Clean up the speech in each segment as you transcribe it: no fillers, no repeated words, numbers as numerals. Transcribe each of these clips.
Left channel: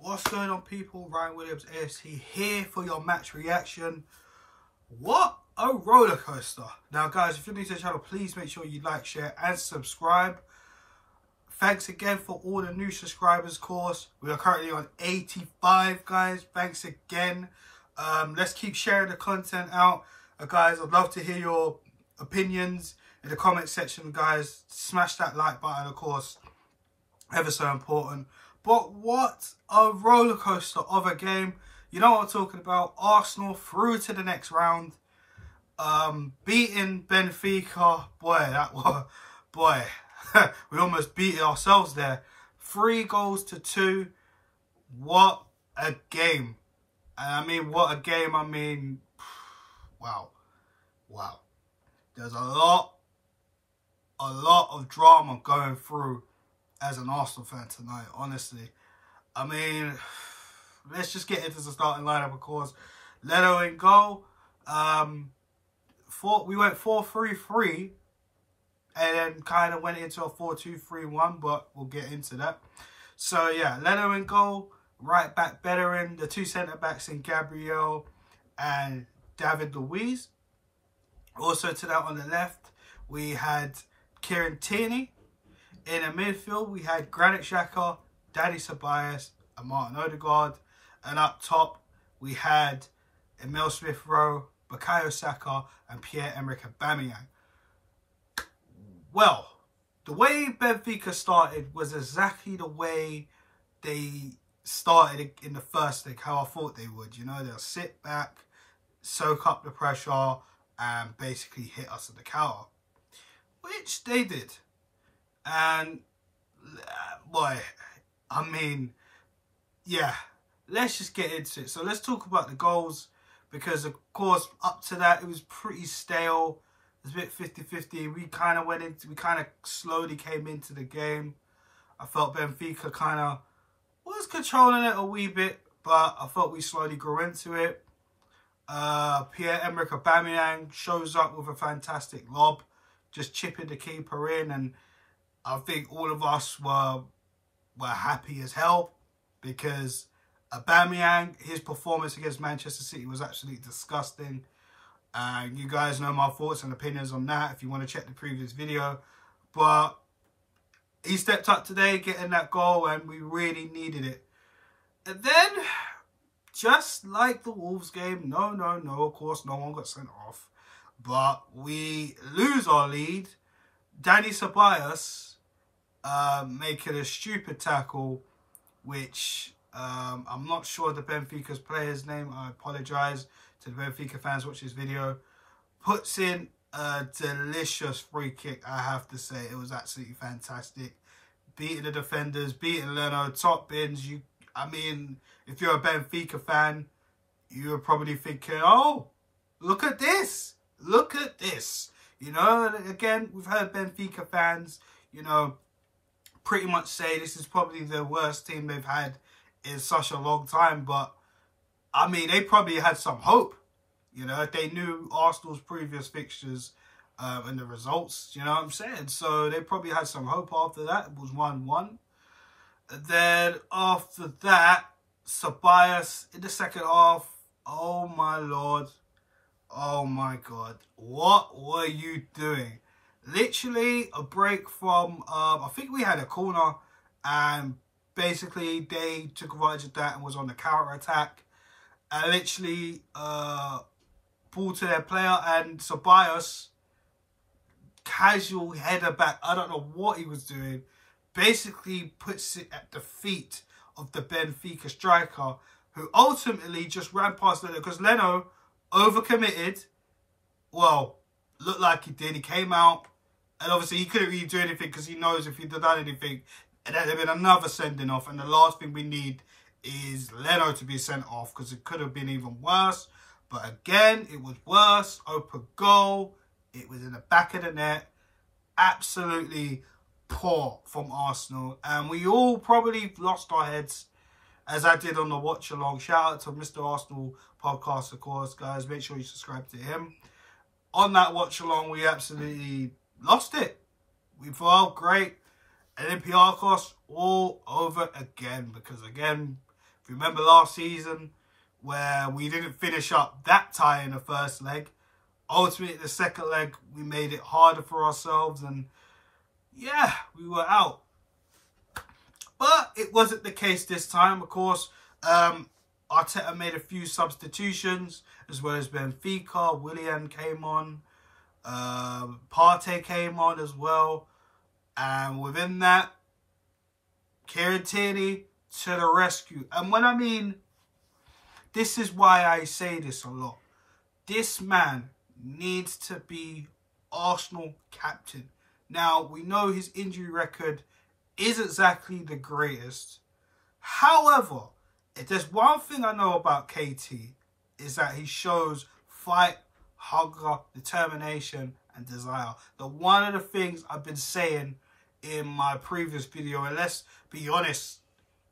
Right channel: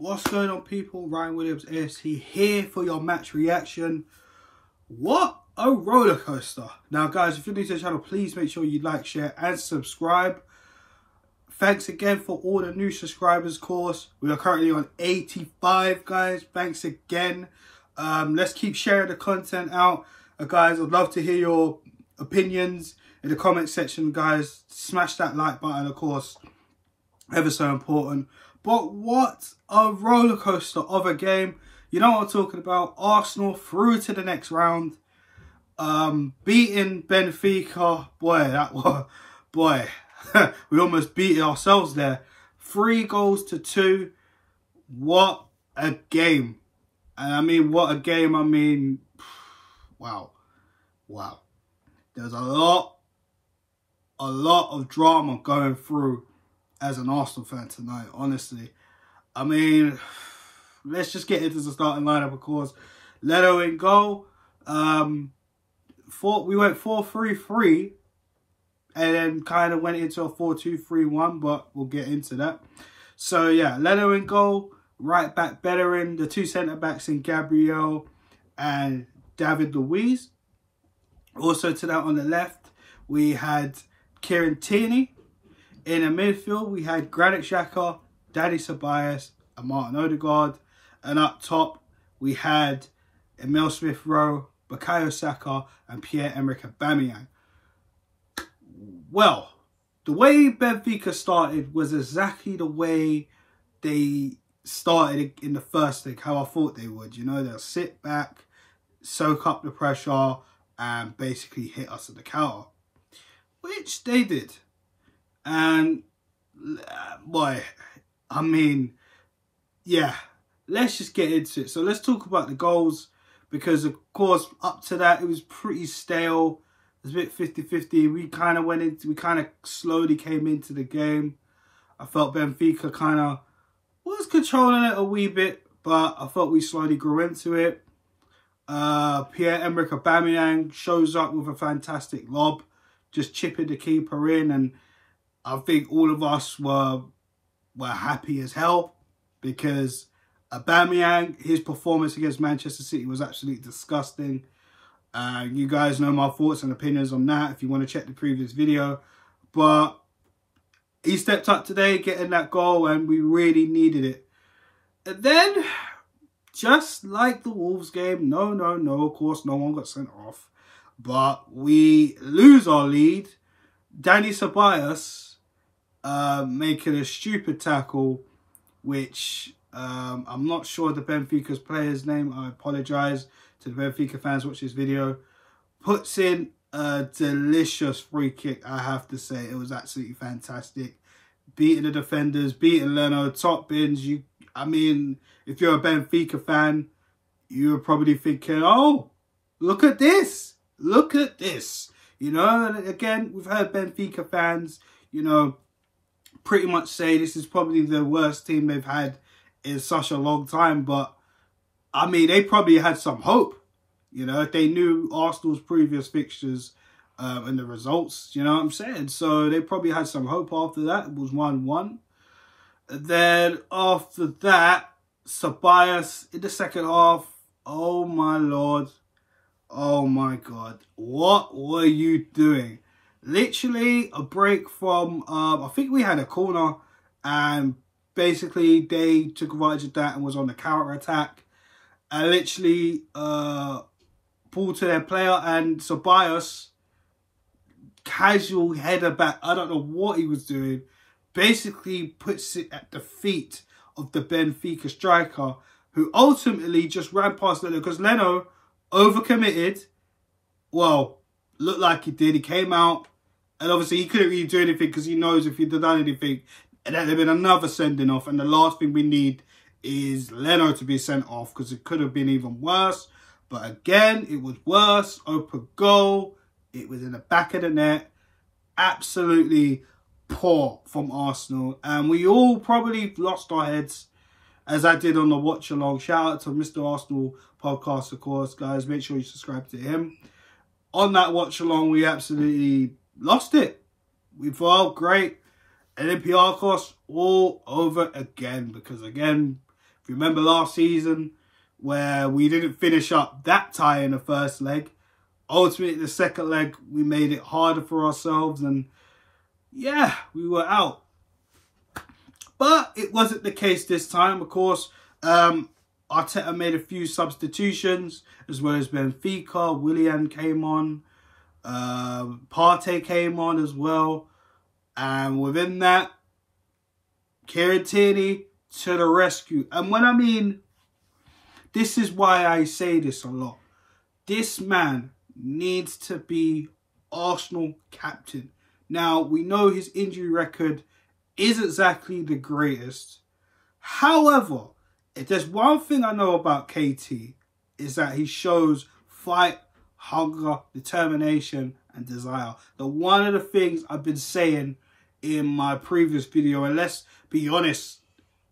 What's going on, people? Ryan Williams AFC here for your match reaction. What a roller coaster. Now guys, if you're new to the channel, please make sure you like, share and subscribe. Thanks again for all the new subscribers, of course. We are currently on 85, guys. Thanks again. Let's keep sharing the content out. Guys, I'd love to hear your opinions in the comment section, guys. Smash that like button, of course. Ever so important. But what a roller coaster of a game. You know what I'm talking about. Arsenal through to the next round. Beating Benfica. Boy, that was... Boy, we almost beat ourselves there. 3-2. What a game. And I mean, what a game. I mean, wow. Wow. There's a lot of drama going through as an Arsenal fan tonight, honestly. I mean, let's just get into the starting lineup, of course. Leno in goal. We went 4-3-3 and then kind of went into a 4-2-3-1, but we'll get into that. So, yeah, Leno in goal. Right back, Bellerin. The two centre-backs in Gabriel and David Luiz. Also to that on the left, we had Kieran Tierney. In the midfield, we had Granit Xhaka, Dani Ceballos, and Martin Odegaard. And up top, we had Emile Smith-Rowe, Bukayo Saka, and Pierre-Emerick Aubameyang. Well, the way Benfica started was exactly the way they started in the first leg, how I thought they would. You know, they'll sit back, soak up the pressure, and basically hit us at the counter, which they did. And, boy, I mean, yeah, let's just get into it. So let's talk about the goals, because, of course, up to that, it was pretty stale. It was a bit 50-50. We kind of slowly came into the game. I felt Benfica kind of was controlling it a wee bit, but I thought we slowly grew into it. Pierre-Emerick Aubameyang shows up with a fantastic lob, just chipping the keeper in, and I think all of us were happy as hell, because Aubameyang, his performance against Manchester City was absolutely disgusting. You guys know my thoughts and opinions on that if you want to check the previous video. But he stepped up today, getting that goal, and we really needed it. And then, just like the Wolves game, no, of course, no one got sent off. But we lose our lead. Dani Ceballos making a stupid tackle, which I'm not sure the Benfica's player's name. I apologise to the Benfica fans watch this video. Puts in a delicious free kick, I have to say. It was absolutely fantastic. Beating the defenders, beating Leno, top bins. I mean, if you're a Benfica fan, you're probably thinking, oh, look at this. Look at this. You know, and again, we've heard Benfica fans, you know, pretty much say this is probably the worst team they've had in such a long time. But, I mean, they probably had some hope, you know, if they knew Arsenal's previous fixtures and the results, you know what I'm saying? So they probably had some hope after that. It was 1-1. Then after that, Ceballos in the second half, oh my Lord. Oh my God. What were you doing? Literally a break from, I think we had a corner, and basically they took advantage of that and was on the counter attack. And literally pulled to their player, and Ceballos, casual header back, I don't know what he was doing, basically puts it at the feet of the Benfica striker, who ultimately just ran past Leno, because Leno overcommitted. Well, looked like he did. He came out, and obviously he couldn't really do anything, because he knows if he'd have done anything, there'd have been another sending off. And the last thing we need is Leno to be sent off, because it could have been even worse. But again, it was worse. Open goal. It was in the back of the net. Absolutely poor from Arsenal. And we all probably lost our heads, as I did on the watch along. Shout out to Mr. Arsenal podcast, of course, guys. Make sure you subscribe to him. On that watch along, we absolutely lost it. We felt great. Olympiacos all over again, because again, If you remember last season, where we didn't finish up that tie in the first leg, ultimately the second leg, we made it harder for ourselves, and yeah, we were out. But it wasn't the case this time, of course. Arteta made a few substitutions, as well as Benfica. Willian came on. Partey came on as well. And within that, Kieran Tierney to the rescue. And when I mean, this is why I say this a lot. This man needs to be Arsenal captain. Now, we know his injury record isn't exactly the greatest. However, if there's one thing I know about KT, is that he shows fight, hunger, determination, and desire. One of the things I've been saying in my previous video, and let's be honest,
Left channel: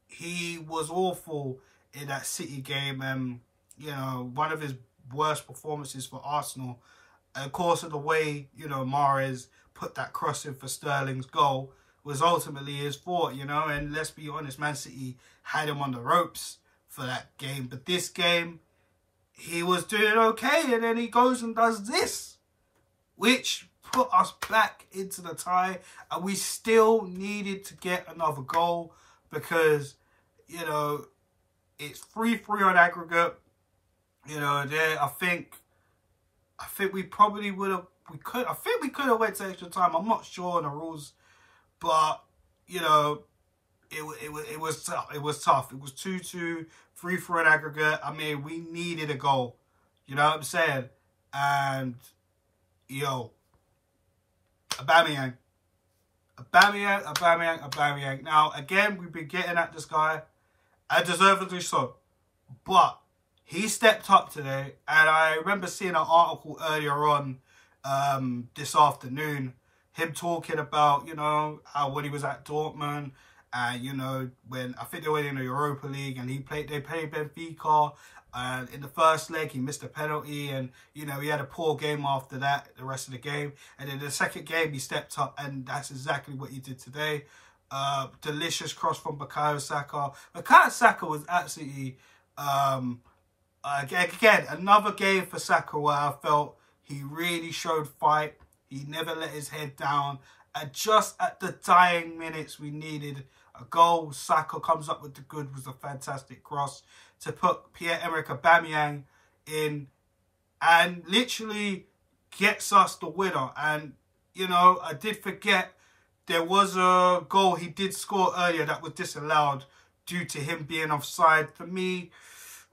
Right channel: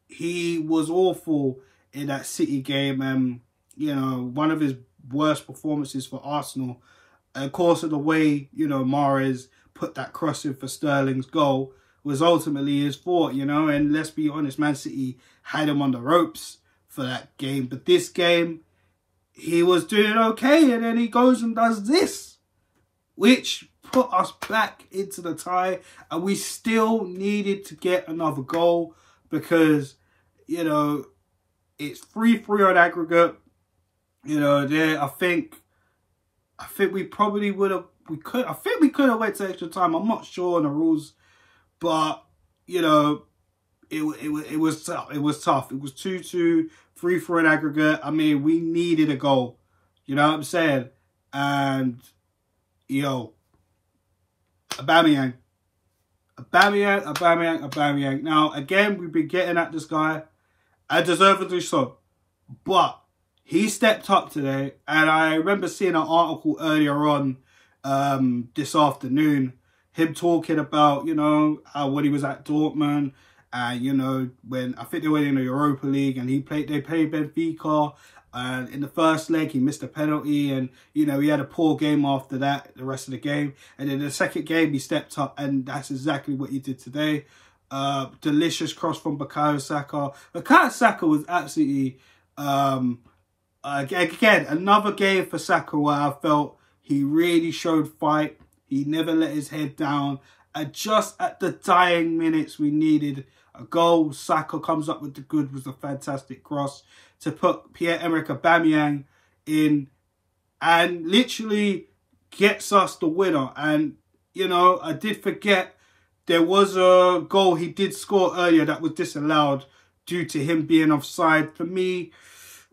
he was awful in that City game, and you know, one of his worst performances for Arsenal. And of course, of the way, you know, Mahrez put that cross in for Sterling's goal was ultimately his fault, you know. And let's be honest, Man City had him on the ropes for that game. But this game, he was doing okay, and then he goes and does this, which put us back into the tie, and we still needed to get another goal because, you know, it's 3-3 on aggregate. You know, there, I think we probably would have, I think we could have went to extra time. I'm not sure on the rules, but you know, it was tough. It was tough. It was 2-2, 3-3 in aggregate. I mean, we needed a goal. You know what I'm saying? And yo, Aubameyang. Now again, we've been getting at this guy, and deservedly so, but he stepped up today. And I remember seeing an article earlier on this afternoon, him talking about, you know, how when he was at Dortmund, and you know, when I think they were in the Europa League, and they played Benfica, and in the first leg he missed a penalty, and you know, he had a poor game after that, the rest of the game, and in the second game he stepped up, and that's exactly what he did today. Delicious cross from Bukayo Saka. Bukayo Saka was absolutely again another game for Saka where I felt he really showed fight. He never let his head down. And just at the dying minutes, we needed a goal. Saka comes up with the good, was a fantastic cross to put Pierre-Emerick Aubameyang in and literally gets us the winner. And, you know, I did forget there was a goal he did score earlier that was disallowed due to him being offside. For me,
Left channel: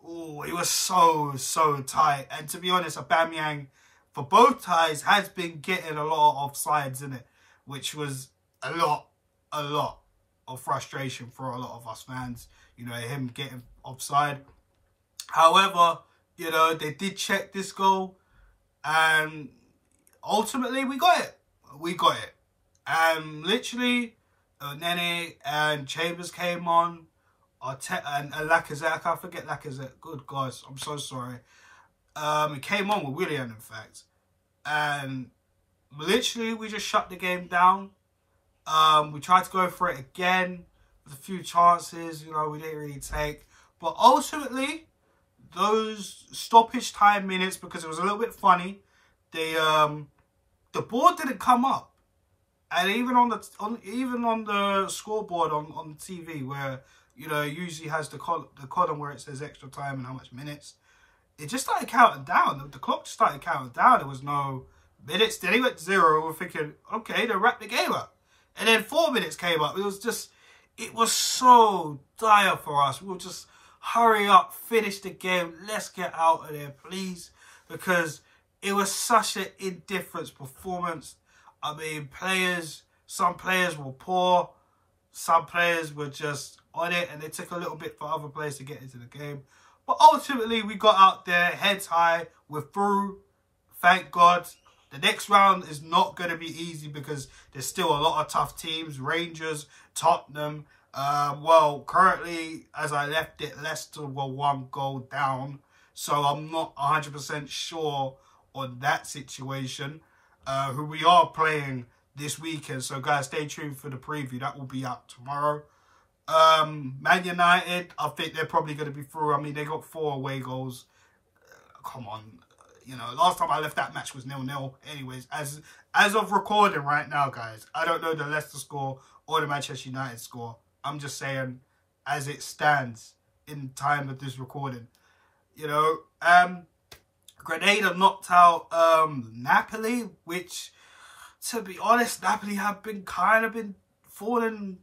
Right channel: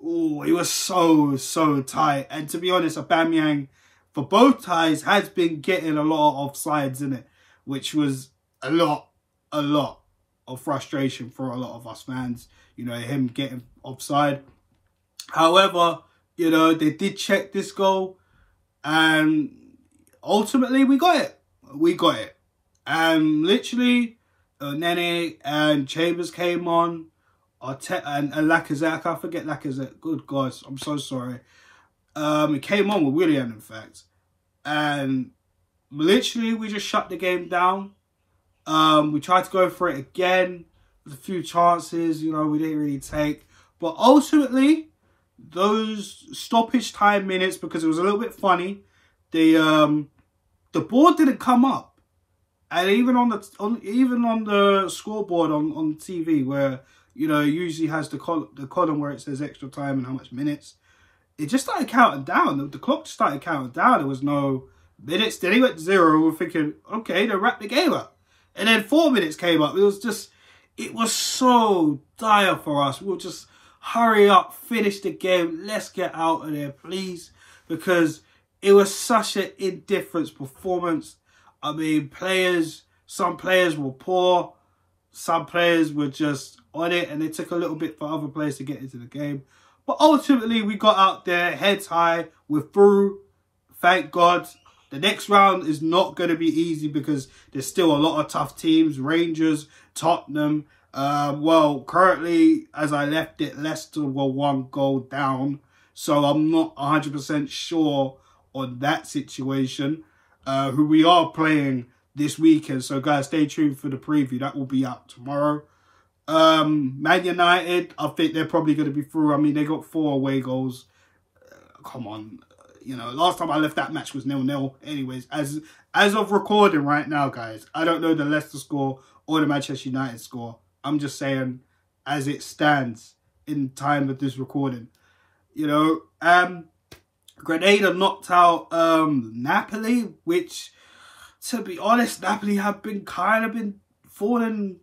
oh, it was so tight. And to be honest, Aubameyang, for both ties, has been getting a lot of offsides in it, which was a lot of frustration for a lot of us fans, you know, him getting offside. However, you know, they did check this goal, and ultimately we got it. And literally, Nene and Chambers came on, and Lacazette, I can't forget Lacazette, good God, I'm so sorry. It came on with Willian, in fact. And literally, we just shut the game down. We tried to go for it again. There's a few chances, you know, we didn't really take. But ultimately, those stoppage time minutes, because it was a little bit funny, the ball didn't come up. And even on the scoreboard on TV, where, you know, it usually has the column where it says extra time and how much minutes, it just started counting down. The clock just started counting down. There was no minutes. Then it went 0. We're thinking, okay, they wrapped the game up. And then 4 minutes came up. It was so dire for us. We were just, hurry up, finish the game. Let's get out of there, please. Because it was such an indifference performance. I mean, some players were poor. Some players were just on it. And it took a little bit for other players to get into the game. But ultimately, we got out there, heads high, we're through, thank God. The next round is not going to be easy because there's still a lot of tough teams, Rangers, Tottenham. Well, currently, as I left it, Leicester were 1 goal down. So I'm not 100% sure on that situation, who we are playing this weekend. So guys, stay tuned for the preview. That will be out tomorrow. Man United, I think they're probably going to be through. I mean, they got 4 away goals. Come on. You know, last time I left that match was 0-0. Anyways, as of recording right now, guys, I don't know the Leicester score or the Manchester United score. I'm just saying as it stands in time of this recording. You know, Grenada knocked out Napoli, which, to be honest, Napoli have been falling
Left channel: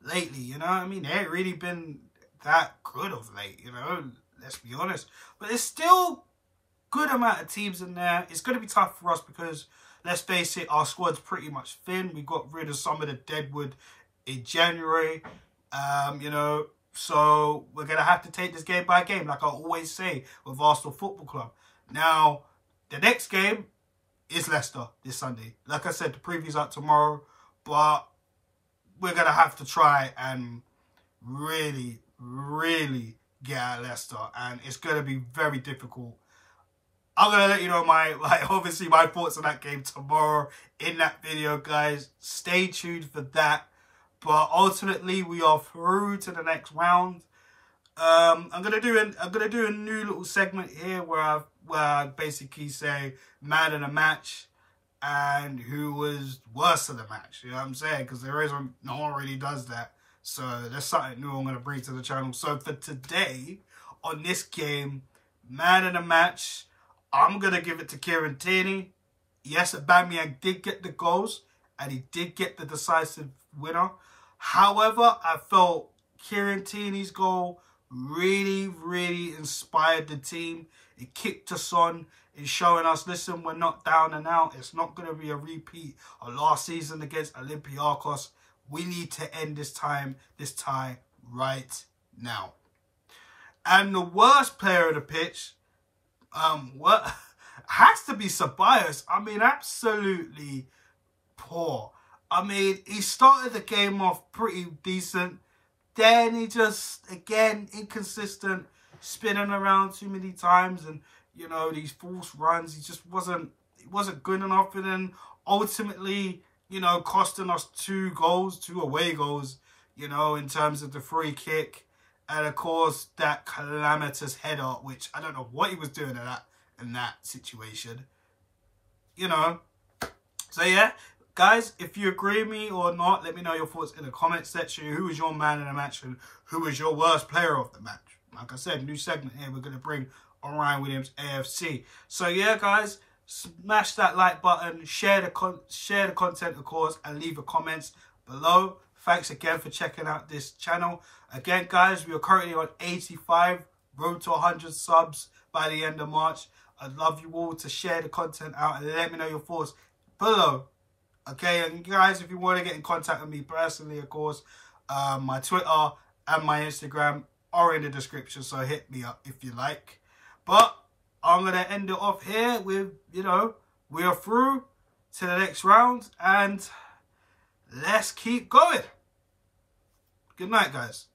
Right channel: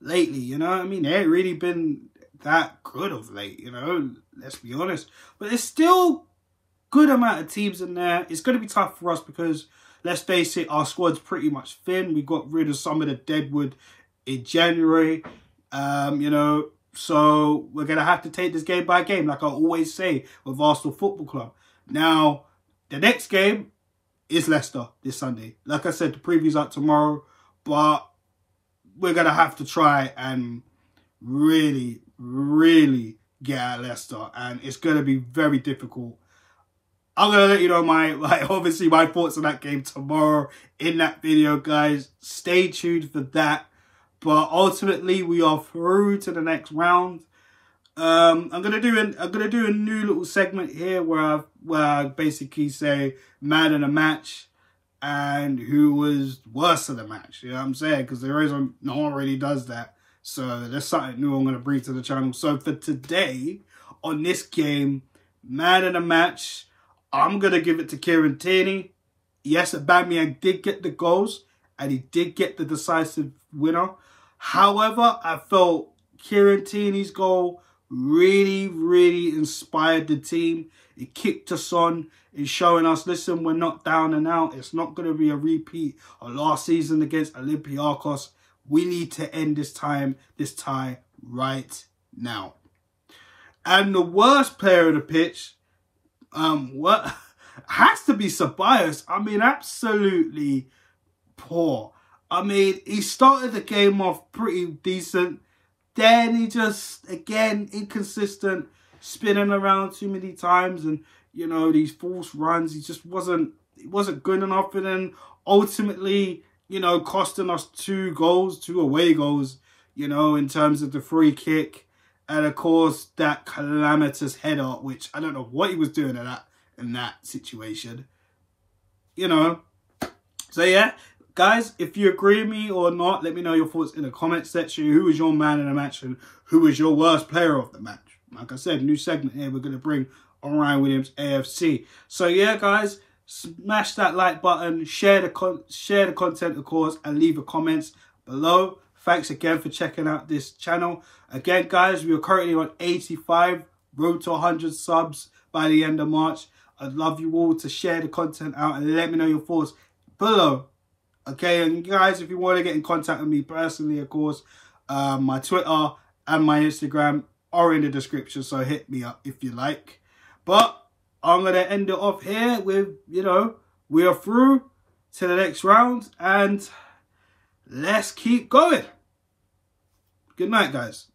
lately, you know what I mean? They ain't really been that good of late, you know, let's be honest. But there's still good amount of teams in there. It's going to be tough for us because, let's face it, our squad's pretty much thin. We got rid of some of the deadwood in January, you know, so we're going to have to take this game by game, like I always say with Arsenal Football Club. Now, the next game is Leicester this Sunday. Like I said, the preview's out tomorrow, but we're going to have to try and really, really get at Leicester, and it's going to be very difficult. I'm going to let you know obviously my thoughts on that game tomorrow in that video, guys. Stay tuned for that. But ultimately, we are through to the next round. I'm gonna do a new little segment here where I basically say man of the match and who was worse of the match. You know what I'm saying? Because no one really does that. So there's something new I'm gonna bring to the channel. So for today on this game, man of the match, I'm gonna give it to Kieran Tierney. Yes, Aubameyang did get the goals and he did get the decisive winner. However, I felt Kieran Tierney's goal really, really inspired the team. It kicked us on. It's showing us, listen, we're not down and out. It's not going to be a repeat of last season against Olympiacos. We need to end this tie right now. And the worst player of the pitch, has to be Ceballos. I mean, absolutely poor. I mean, he started the game off pretty decent. Then he just, again, inconsistent, spinning around too many times. And, you know, these false runs, he wasn't good enough. And then ultimately, you know, costing us 2 away goals, you know, in terms of the free kick. And, of course, that calamitous header, which I don't know what he was doing in that situation. You know. So, yeah. Guys, if you agree with me or not, let me know your thoughts in the comment section. Who was your man in the match and who was your worst player of the match? Like I said, new segment here we're going to bring on Ryan Williams AFC. So yeah, guys, smash that like button, share the content, of course, and leave your comments below. Thanks again for checking out this channel. Again, guys, we are currently on 85, road to 100 subs by the end of March. I'd love you all to share the content out and let me know your thoughts below. Okay, and guys, if you want to get in contact with me personally, of course, my Twitter and my Instagram are in the description, so hit me up if you like. But I'm going to end it off here with, you know, we are through to the next round, and let's keep going. Good night, guys.